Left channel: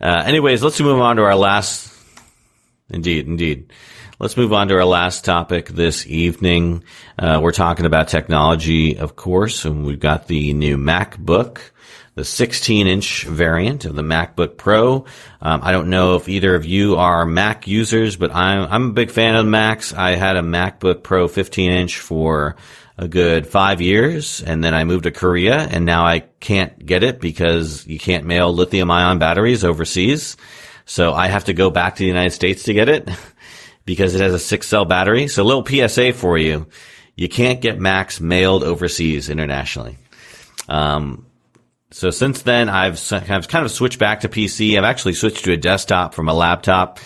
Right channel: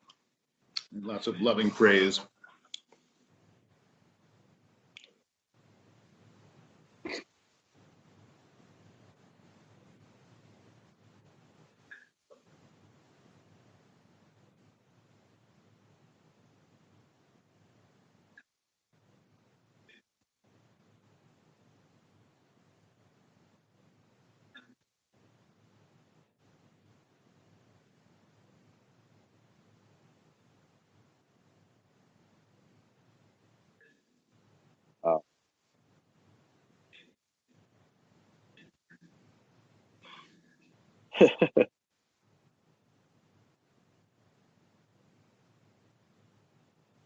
Anyways, let's move on to our last. Phrase. Indeed. Let's move on to our last topic this evening. We're talking about technology, of course, and we've got the new MacBook, the 16-inch variant of the MacBook Pro. I don't know if either of you are Mac users, but I'm a big fan of Macs. I had a MacBook Pro 15-inch for a good 5 years, and then I moved to Korea, and now I can't get it because you can't mail lithium-ion batteries overseas. So I have to go back to the United States to get it because it has a 6-cell battery. So a little PSA for you. You can't get Macs mailed overseas internationally. So since then, I've kind of switched back to PC. I've actually switched to a desktop from a laptop.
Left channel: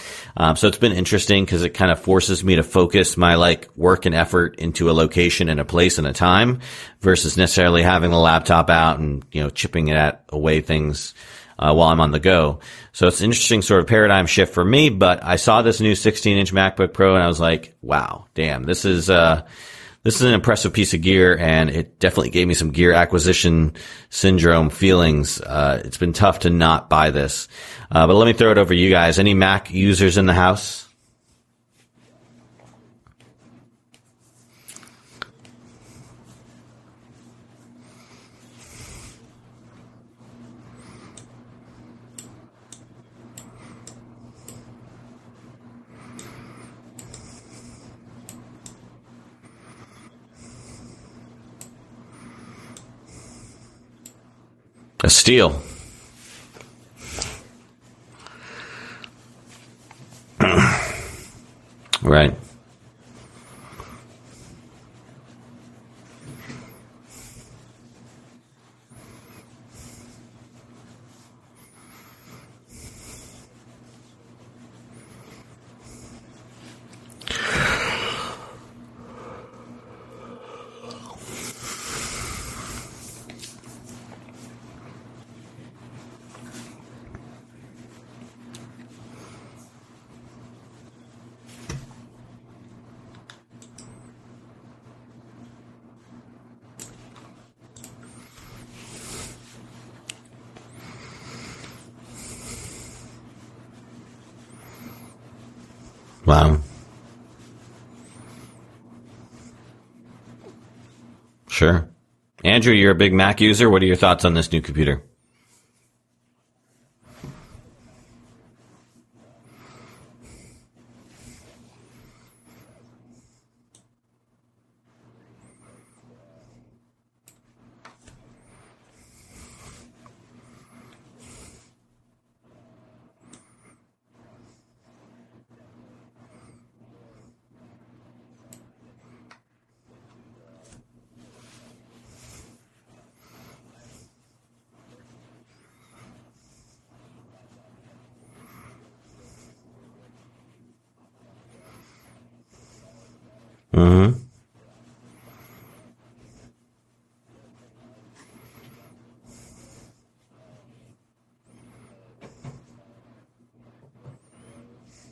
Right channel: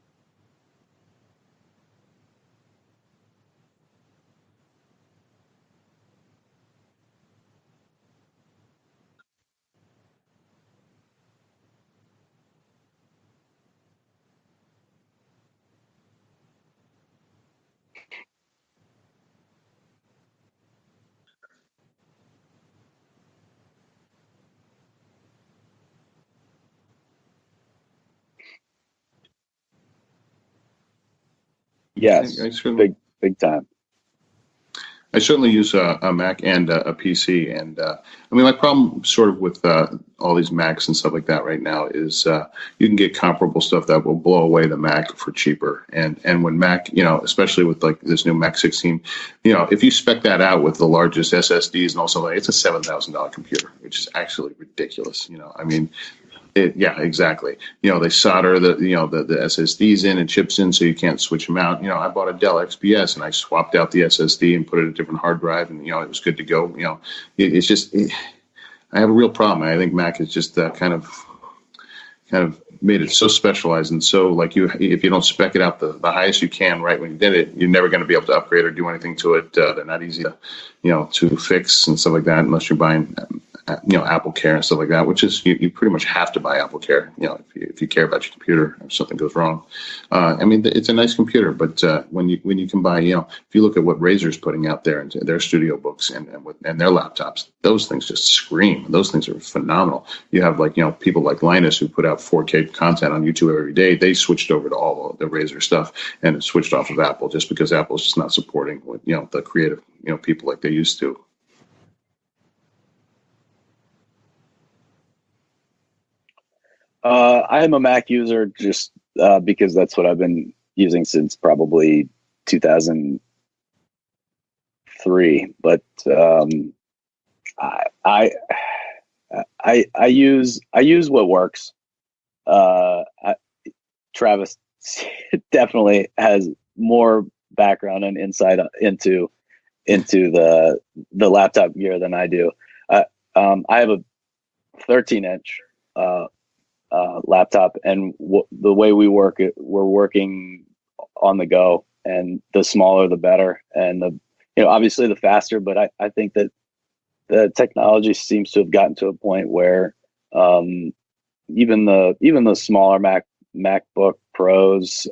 So it's been interesting because it kind of forces me to focus my work and effort into a location and a place and a time versus necessarily having the laptop out and, chipping it away things while I'm on the go. So it's an interesting sort of paradigm shift for me, but I saw this new 16-inch MacBook Pro and I was like, wow, damn, this is an impressive piece of gear, and it definitely gave me some gear acquisition syndrome feelings. It's been tough to not buy this. But let me throw it over to you guys. Any Mac users in the house? Yes, big time. I certainly use a Mac and a PC, and my problem sort of with all these Macs and stuff like that right now is you can get comparable stuff that will blow away the Mac for cheaper. And when Mac, especially with this new Mac 16, if you spec that out with the largest SSDs and also it's a $7,000 computer, which is actually ridiculous. A steal. I mean. Yeah, exactly. They solder the SSDs in and chips in, so you can't switch them out. I bought a Dell XPS and I swapped out the SSD and put it in a different hard drive, and it was good to go. It's just I have a real problem. I think Mac is just kind of made it so specialized and so if you don't spec it out the highest you can right when you did it, you're never going to be able to upgrade or do anything to it. They're not easy to fix and stuff like that unless you're buying Apple Care and stuff like that, which is you pretty much have to buy Apple Care if you care about your computer if something goes wrong. It's a nice computer, but when you can buy if you look at what Razer's putting out there into their studio books and their laptops, those things just scream. Those things are phenomenal. You have people like Linus who put out 4K content on YouTube every day. They switched over to all of the Razer stuff and switched off of Apple just because Apple's just not supporting what the creative people like they used to. Sure. Andrew, you're a big Mac user. What are your thoughts on this new computer? I am a Mac user just because that's what I've been using since probably 2003. But I use what works. Travis definitely has more background and insight into the laptop gear than I do. I have a 13-inch laptop, and the way we work it, we're working on the go, and the smaller the better. Obviously the faster, but I think that the technology seems to have gotten to a point where even the smaller MacBook Pros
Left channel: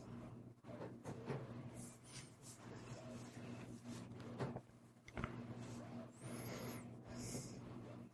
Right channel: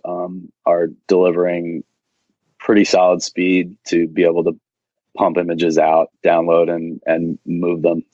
are delivering pretty solid speed to be able to pump images out, download, and move them.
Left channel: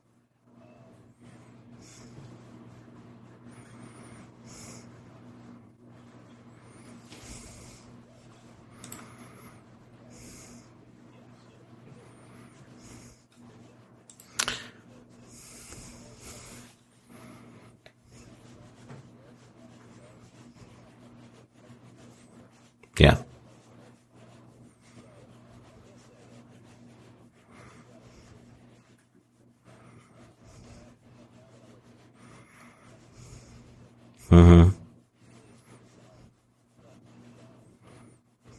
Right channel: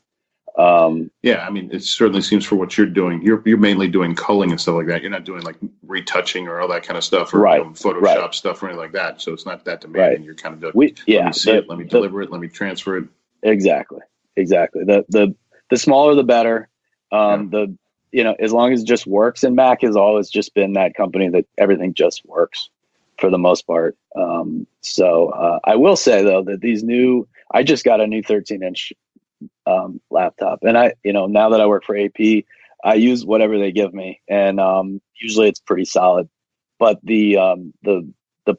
It certainly seems for what you're doing. You're mainly doing culling and stuff like that. You're not doing retouching or all that kind of stuff, or Photoshop stuff or anything like that. So it's not that demanding. You're kind of doing, let me see it, let me deliver it, let me transfer it. Exactly. The smaller the better. As long as it just works, and Mac has always just been that company that everything just works. Yeah. For the most part. So I will say though that I just got a new 13-inch laptop, and now that I work for AP, I use whatever they give me, and usually it's pretty solid. But the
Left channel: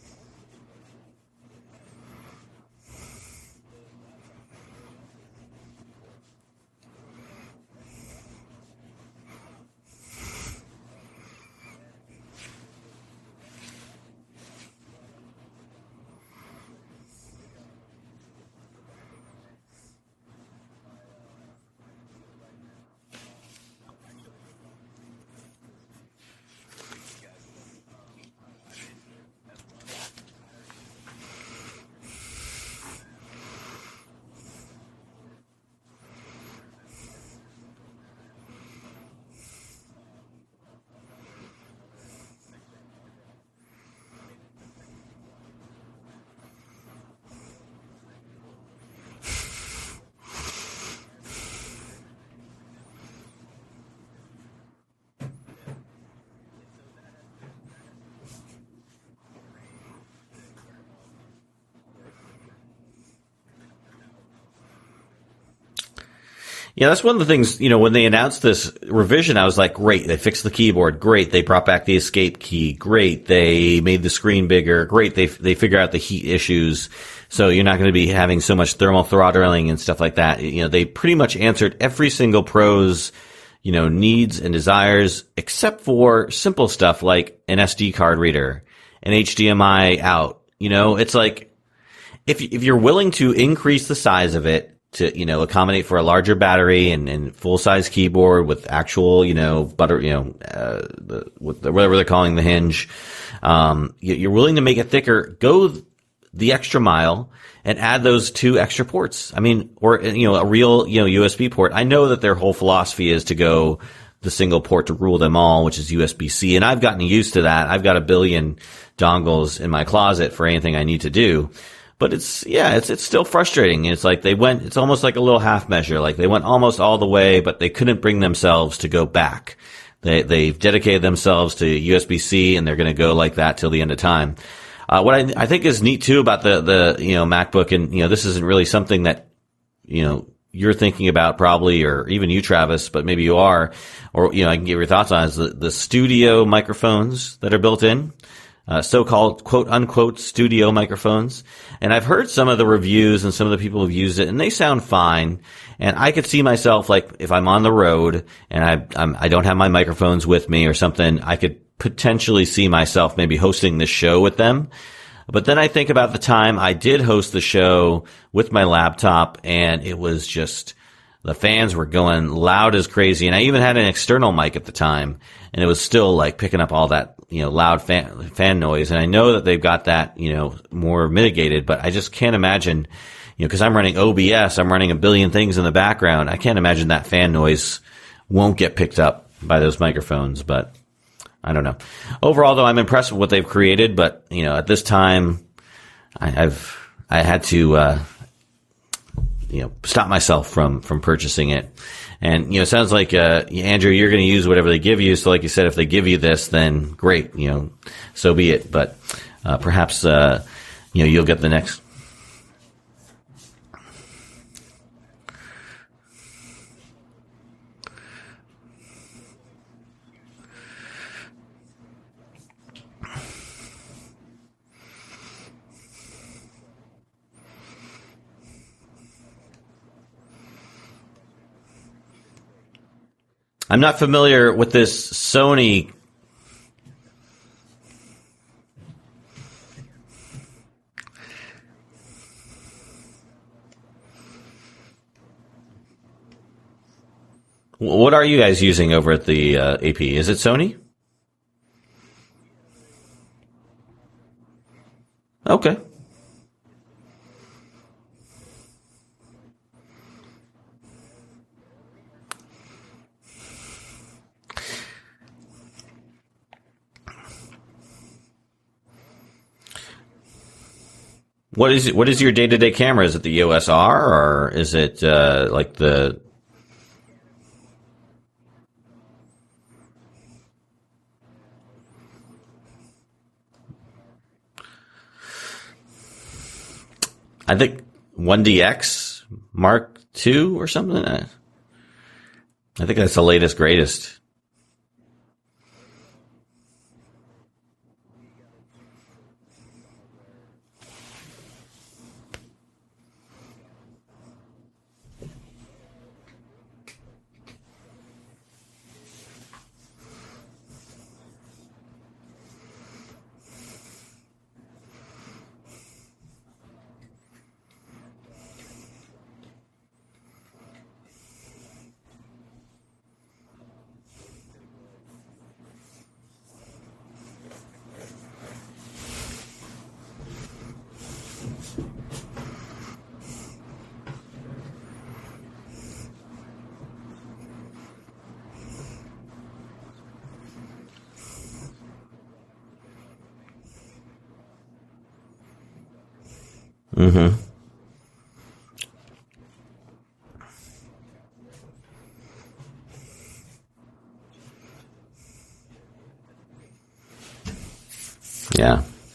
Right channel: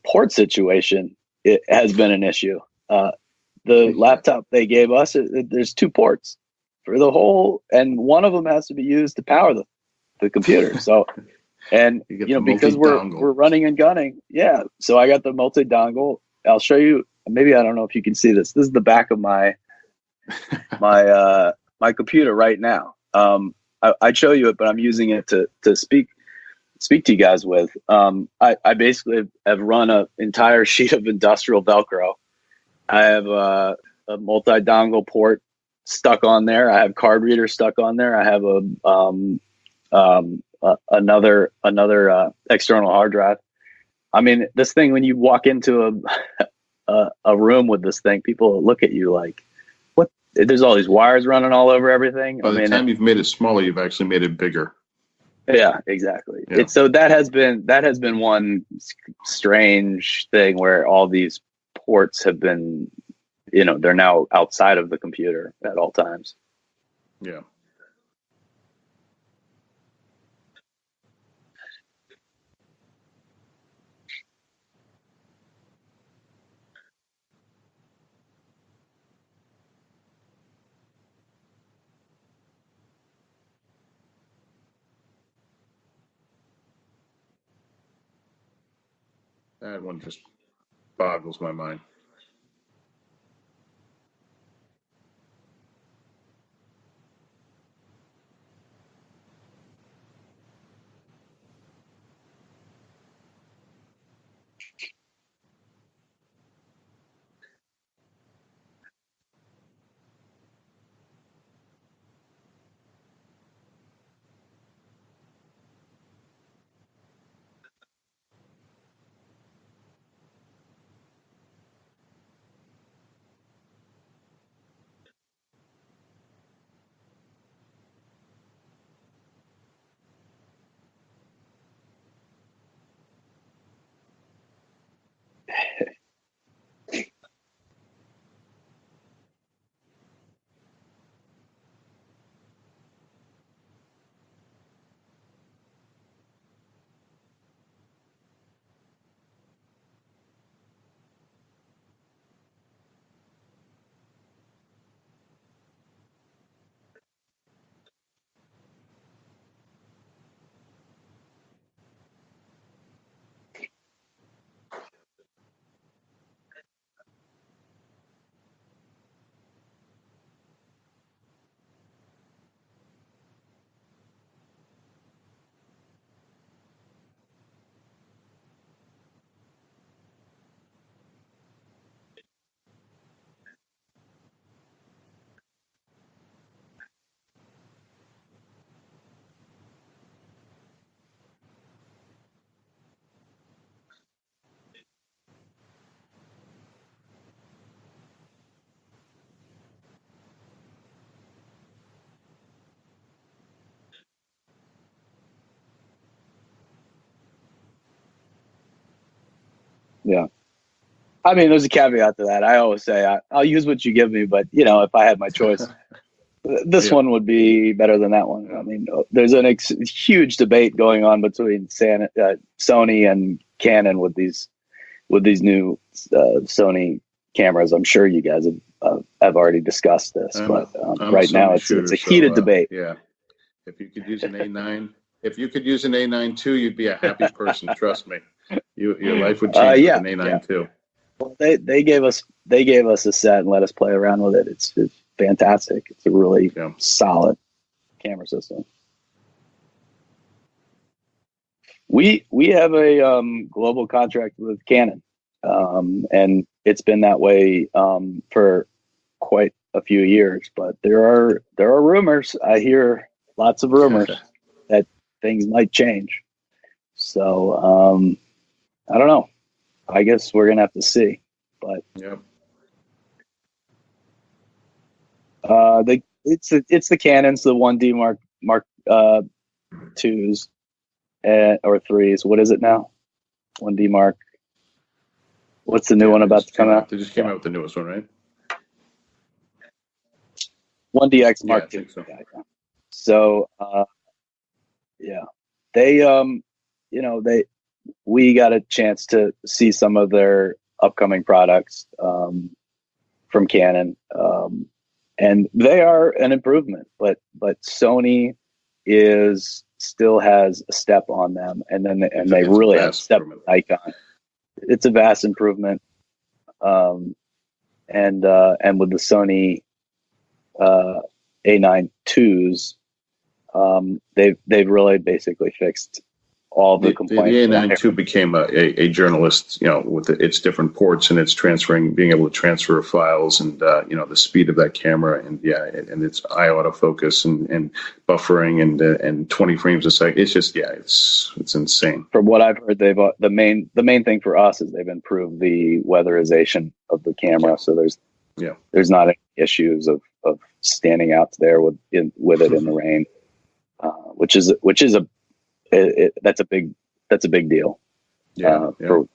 port situation, it has been an issue. The laptop they gave us, there's 2 ports for the whole, and one of them has to be used to power the computer. So. And because we're running and gunning, so I got the multi-dongle. I'll show you. Maybe I don't know if you can see this. This is the back of my computer right now. I'd show you it, but I'm using it to speak to you guys with. I basically have run an entire sheet of industrial Velcro. I have a multi-dongle port stuck on there. I have card reader stuck on there. I have another external hard drive. I mean, this thing, when you walk into a room with this thing, people look at you like, what? There's all these wires running all over everything. By the time you've made it smaller, you've actually made it bigger. Yeah, exactly. Yeah. So that has been one strange thing where all these ports have been, they're now outside of the computer at all times. Yeah, that's one of the things, when they announced this revision, I was like, great, they fixed the keyboard. Great, they brought back the escape key. Great, they made the screen bigger. Great, they figure out the heat issues. So you're not going to be having so much thermal throttling and stuff like that. They pretty much answered every single pro's needs and desires, except for simple stuff like an SD card reader, an HDMI out. It's like, my mind. if you're willing to increase the size of it to, accommodate for a larger battery and full size keyboard with actual, whatever they're calling the hinge, you're willing to make it thicker, go the extra mile and add those 2 extra ports. I mean, or, a real, USB port. I know that their whole philosophy is to go the single port to rule them all, which is USB-C. And I've gotten used to that. I've got a billion dongles in my closet for anything I need to do. But it's still frustrating. It's like it's almost like a little half measure. Like they went almost all the way, but they couldn't bring themselves to go back. They've dedicated themselves to USB-C and they're going to go like that till the end of time. What I think is neat too about the MacBook, and this isn't really something that you're thinking about probably, or even you, Travis, but maybe you are, or I can get your thoughts on, is the studio microphones that are built in, so-called quote unquote studio microphones. And I've heard some of the reviews and some of the people who've used it, and they sound fine. And I could see myself, like, if I'm on the road and I don't have my microphones with me or something, I could potentially see myself maybe hosting this show with them. But then I think about the time I did host the show with my laptop, and it was just, the fans were going loud as crazy. And I even had an external mic at the time, and it was still like picking up all that, loud fan noise. And I know that they've got that, more mitigated, but I just can't imagine, because I'm running OBS, I'm running a billion things in the background. I can't imagine that fan noise won't get picked up by those microphones, but I don't know. Overall, though, I'm impressed with what they've created, but at this time, I had to stop myself from purchasing it. And it sounds like Andrew, you're going to use whatever they give you. So, like you said, if they give you this, then great, so be it. But perhaps you'll get. There's a caveat to that. I always say I'll use what you give me, but if I had my choice, this one would be better than that one. I mean, there's a huge debate going on between Sony and Canon with these new Sony cameras. I'm sure you guys have already discussed this, but right now it's a heated debate. Yeah, I'm not familiar with this Sony. If you could use an A9 II, you'd be a happy person. Trust me, your life would change with an A9 II. Well, they gave us a set and let us play around with it. It's fantastic. It's a really solid. What are you guys using over at the AP? Is it Sony? We have a global contract with Canon. Okay. And it's been that way for quite a few years. But there are rumors. I hear lots of rumors that things might change. So I don't know. I guess we're gonna have to see. What is your day-to-day camera? Is it the EOS R, or is it like the? It's the Canons, the 1D Mark 2s or 3s. What is it now? 1D Mark. What's the new one about to come out? They just came out with the newest one, right? 1DX Mark II or something. 1DX Mark II. I think that's the latest, greatest. They we got a chance to see some of their upcoming products from Canon, and they are an improvement. But Sony still has a step on them, and they really have a step on Nikon. It's a vast improvement, and with the Sony A9 IIs, they've really basically fixed all of the The complaints. A9 II became a journalist, with its different ports and its being able to transfer files, and the speed of that camera, and and its eye autofocus and buffering and 20 frames a second. It's just it's insane. From what I've heard, they've the main thing for us is they've improved the weatherization of the camera, so there's not any issues of standing out there with it in the rain, which is that's a big deal. For what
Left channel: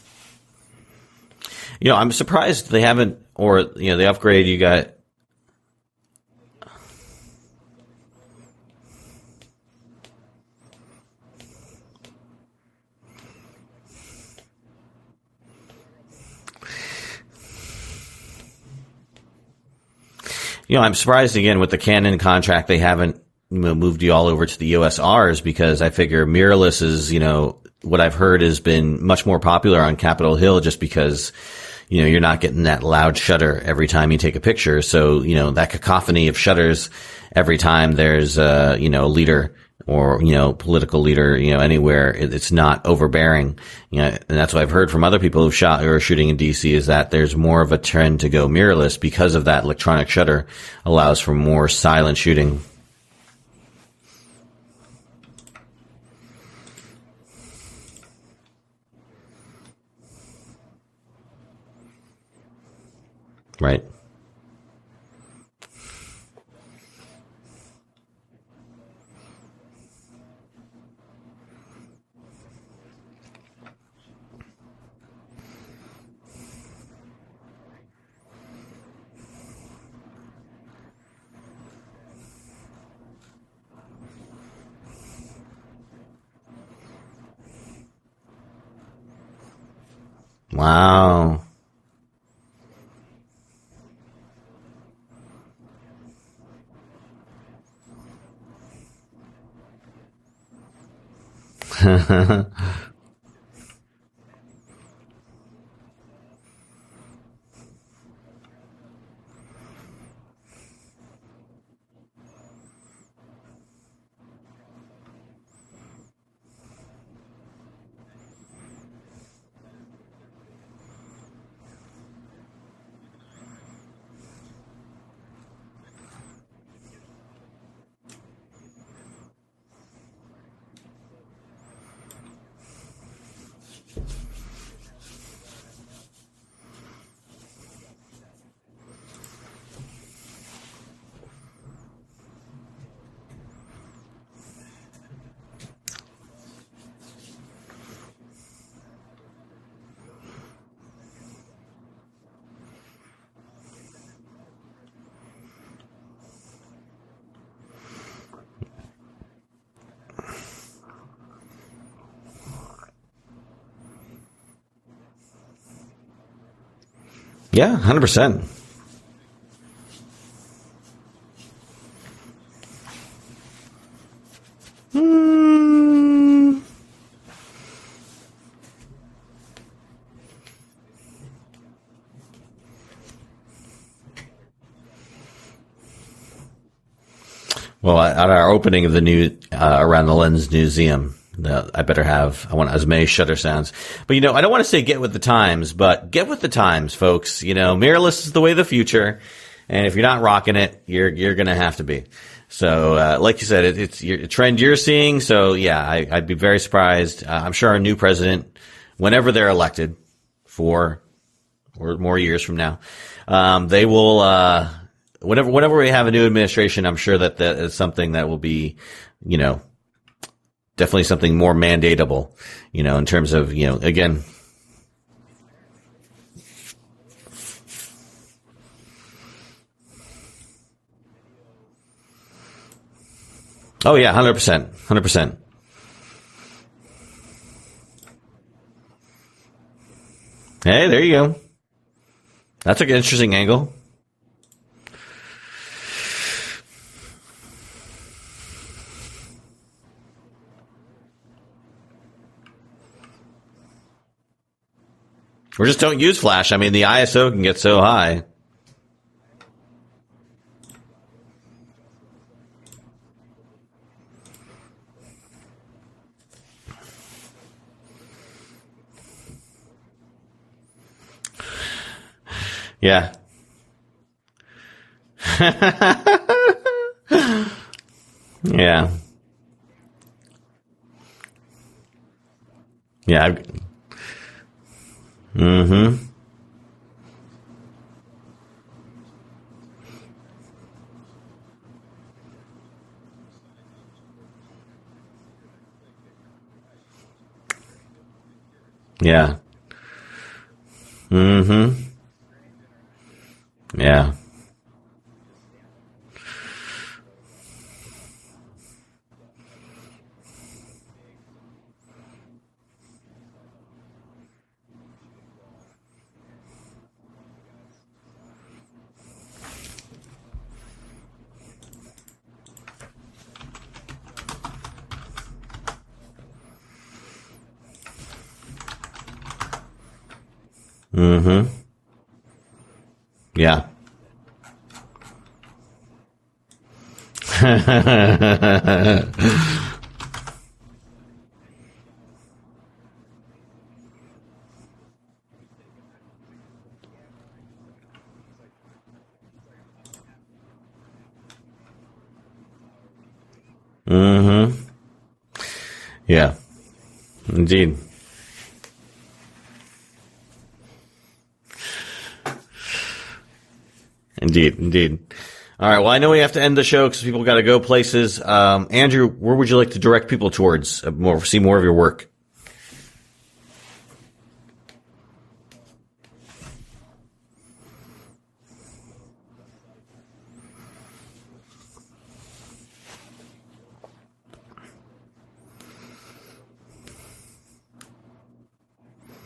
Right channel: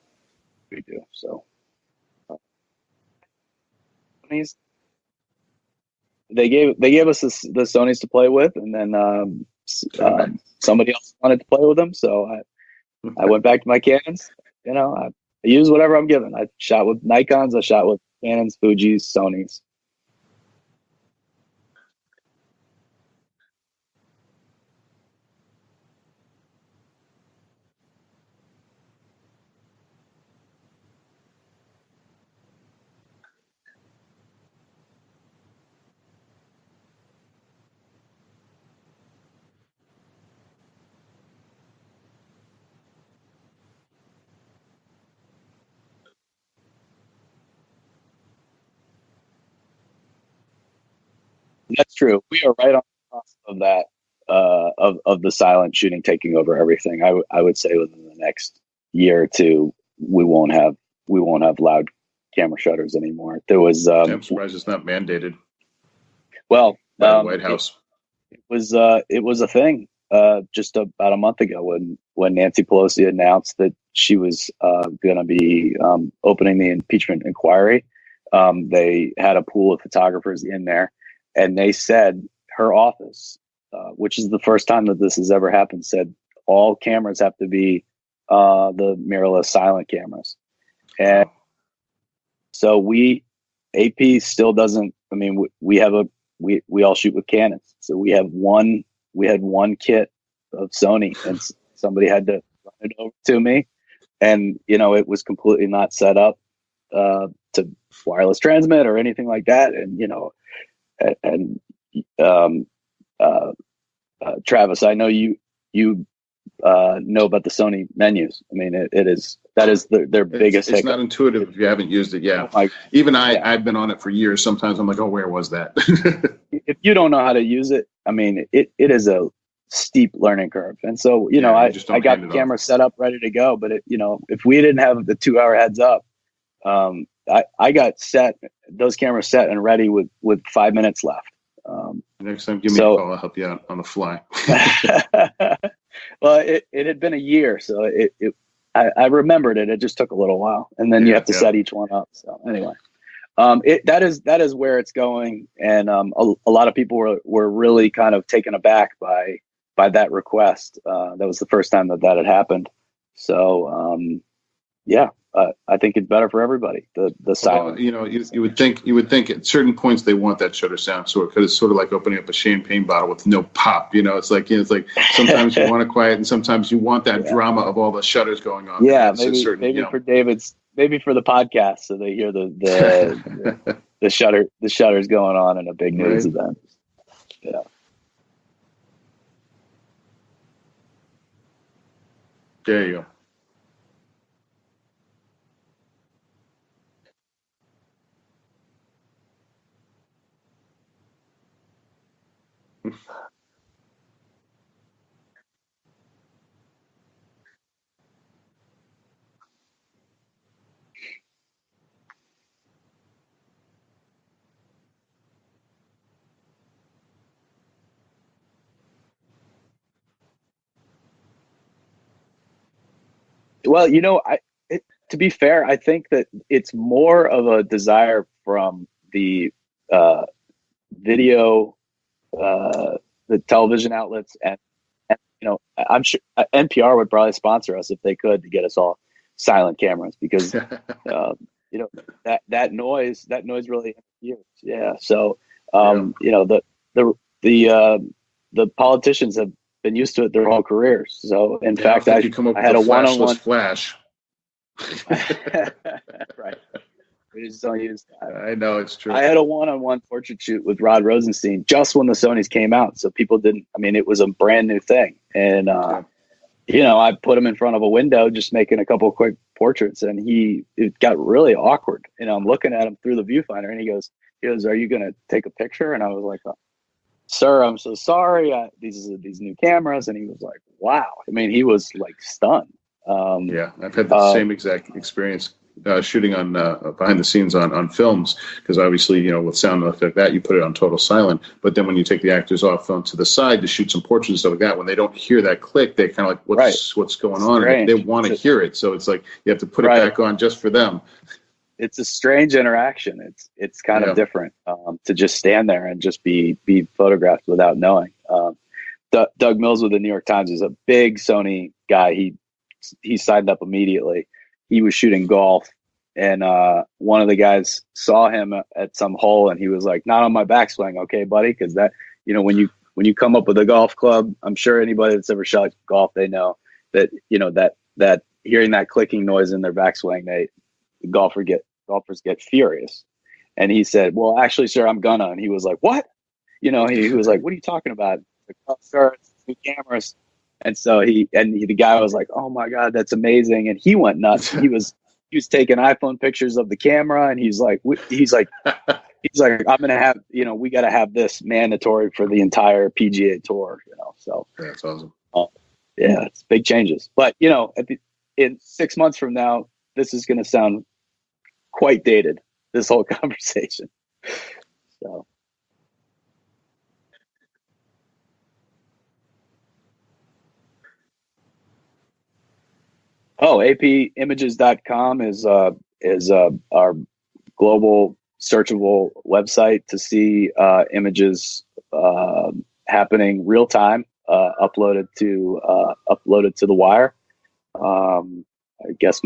we do. So I'm surprised they haven't, or the upgrade you got. They gave us the Sonys to play with, and then somebody else wanted to play with them, so I went back to my Canons. I use whatever I'm given. I shot with Nikons, I shot with Canons, Fujis, Sonys. I'm surprised again with the Canon contract they haven't moved you all over to the USRs, because I figure mirrorless is, what I've heard has been much more popular on Capitol Hill, just because, you're not getting that loud shutter every time you take a picture. So, that cacophony of shutters every time there's a leader or, political leader, anywhere, it's not overbearing. And that's what I've heard from other people who've shot or are shooting in DC, is that there's more of a trend to go mirrorless because of that electronic shutter allows for more silent shooting. We're right on top of that, of the silent shooting taking over everything. I would say within the next year or two, we won't have loud camera shutters anymore. There was, I'm surprised it's not mandated. Well, White House. It was a thing just about a month ago when Nancy Pelosi announced that she was going to be opening the impeachment inquiry. They had a pool of photographers in there, and they said her office, which is the first time that this has ever happened, said all cameras have to be the mirrorless silent cameras. Wow. And so AP still doesn't. I mean, we all shoot with Canons, so we had one kit of Sony, and somebody had to put it over to me, and it was completely not set up to wireless transmit or anything like that, and Travis, I know you know about the Sony menus. I mean, that is their biggest. It's not intuitive if you haven't used it. Yeah, even I've been on it for years. Sometimes I'm like, oh, where was that? If you don't know how to use it, I mean, it is a steep learning curve. And so, I got the camera set up, ready to go. But if we didn't have the 2-hour heads up, I got those cameras set and ready with 5 minutes left. Next time, give me a call. I'll help you out on the fly. Well, it had been a year, so I remembered it. It just took a little while, and then you have to set each one up. So anyway, that is where it's going, and a lot of people were really kind of taken aback by that request. That was the first time that had happened. So I think it's better for everybody. The silent. Yeah, 100%. You would think at certain points they want that shutter sound, because it's sort of like opening up a champagne bottle with no pop. It's like sometimes you want it quiet, and sometimes you want that drama of all the shutters going on. Yeah, maybe for David's, maybe for the podcast, so they hear the shutters going on in a big news event. Yeah. Well, at our opening of the new Around the Lens Museum, I want as many shutter sounds. But, I don't want to say get with the times, but get with the times, folks. Mirrorless is the way of the future. And if you're not rocking it, you're going to have to be. So, like you said, it's a trend you're seeing. So, yeah, I'd be very surprised. I'm sure our new president, whenever they're elected, 4 or more years from now, they will, whenever we have a new administration, I'm sure that is something that will be, definitely something more mandatable, in terms of, again. To be fair, I think that it's more of a desire from the video, the television. Oh, yeah, 100%. 100%. I'm sure NPR would probably sponsor us if they could to get us all silent cameras, because hey, there you go. That's an interesting angle. Really huge. Yeah. So, the politicians have been used to it their whole careers. So, in fact, I had a one-on-one flash. Or just don't use flash. I mean, the ISO can get so high. I know, it's true. I had a one-on-one portrait shoot with Rod Rosenstein just when the Sonys came out. So people didn't. I mean, it was a brand new thing, and I put him in front of a window, just making a couple of quick portraits, and it got really awkward. I'm looking at him through the viewfinder, and he goes, "Are you going to take a picture?" And I was like, "Sir, I'm so sorry. These new cameras." And he was like, "Wow." I mean, he was like stunned. Yeah, I've had the same exact experience shooting on behind the scenes on films, because obviously, with sound like that, you put it on total silent. But then when you take the actors off onto the side to shoot some portraits and stuff like that, when they don't hear that click, they kind of like, what's going on? And they want to hear it, so it's like you have to put it back on just for them. Mm-hmm. It's a strange interaction. It's kind of different to just stand there and just be photographed without knowing. Doug Mills with the New York Times is a big Sony guy. He signed up immediately. He was shooting golf, and one of the guys saw him at some hole, and he was like, "Not on my backswing, okay, buddy?" Because that, when you come up with a golf club, I'm sure anybody that's ever shot golf, they know that that hearing that clicking noise in their backswing, golfers get furious. Yeah. And he said, "Well, actually, sir, I'm gonna." And he was like, "What?" He was like, the cameras. And so the guy was like, "Oh my God, that's amazing!" And he went nuts. He was taking iPhone pictures of the camera, and he's like, "I'm gonna have, we got to have this mandatory for the entire PGA Tour." Mm-hmm. That's awesome. It's big changes. But in 6 months from now, this is going to sound quite dated. This whole conversation. Indeed. So. All right. Well, I know we have to end the show because people got to go places. Andrew, where would you like to direct people towards see more of your work? Oh, apimages.com is our global searchable website to see images happening real time, uploaded to the wire. I guess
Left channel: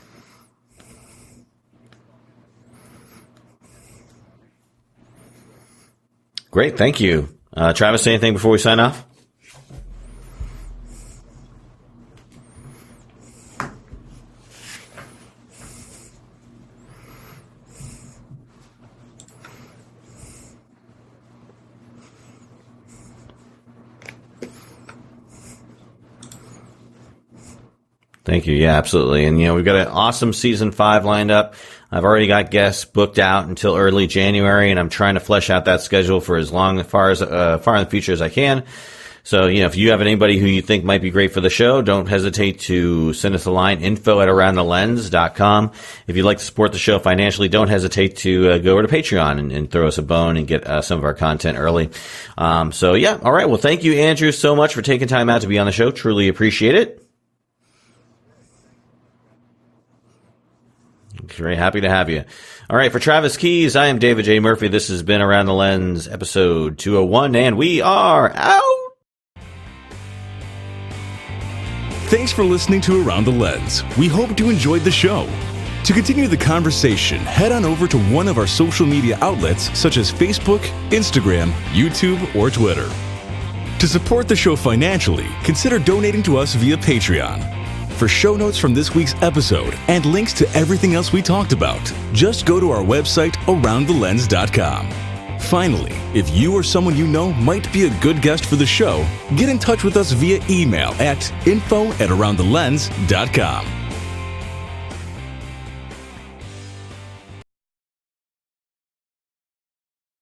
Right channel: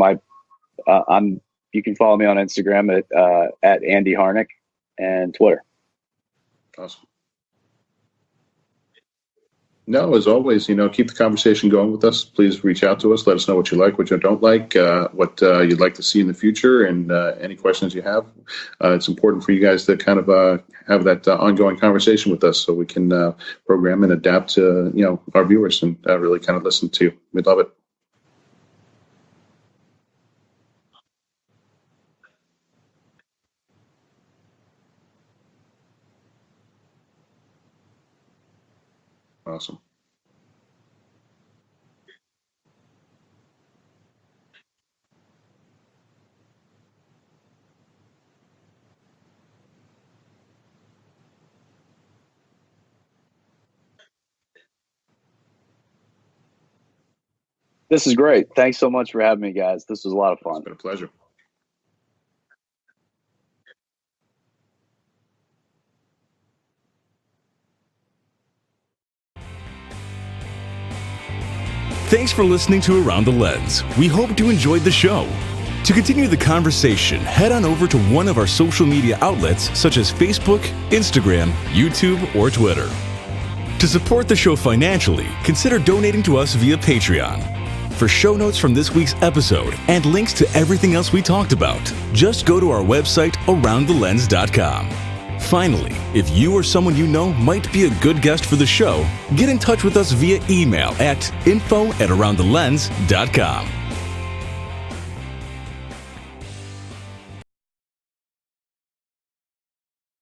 you can follow me on Instagram at Andy Harnick and Twitter. Great. Thank you. Travis, anything before we sign off? No, as always, keep the conversation going with us. Please reach out to us. Let us know what you like, what you don't like, what you'd like to see in the future, and any questions you have. It's important for you guys to kind of have that ongoing conversation with us so we can program and adapt to, our viewers and really kind of listen to you. We'd love it. Thank you. Yeah, absolutely. And, we've got an awesome season 5 lined up. I've already got guests booked out until early January, and I'm trying to flesh out that schedule for far in the future as I can. So, if you have anybody who you think might be great for the show, don't hesitate to send us a line, info@aroundthelens.com. If you'd like to support the show financially, don't hesitate to go over to Patreon and throw us a bone and get some of our content early. All right. Well, thank you, Andrew, so much for taking time out to be on the show. Truly appreciate it. This is great. Thanks so much for having me, guys. This was a lot of fun. It's been a pleasure. Very happy to have you. All right, for Travis Keys, I am David J. Murphy. This has been Around the Lens, episode 201, and we are out. Thanks for listening to Around the Lens. We hope you enjoyed the show. To continue the conversation, head on over to one of our social media outlets such as Facebook, Instagram, YouTube, or Twitter. To support the show financially, consider donating to us via Patreon. For show notes from this week's episode and links to everything else we talked about, just go to our website, aroundthelens.com. Finally, if you or someone you know might be a good guest for the show, get in touch with us via email at info@aroundthelens.com.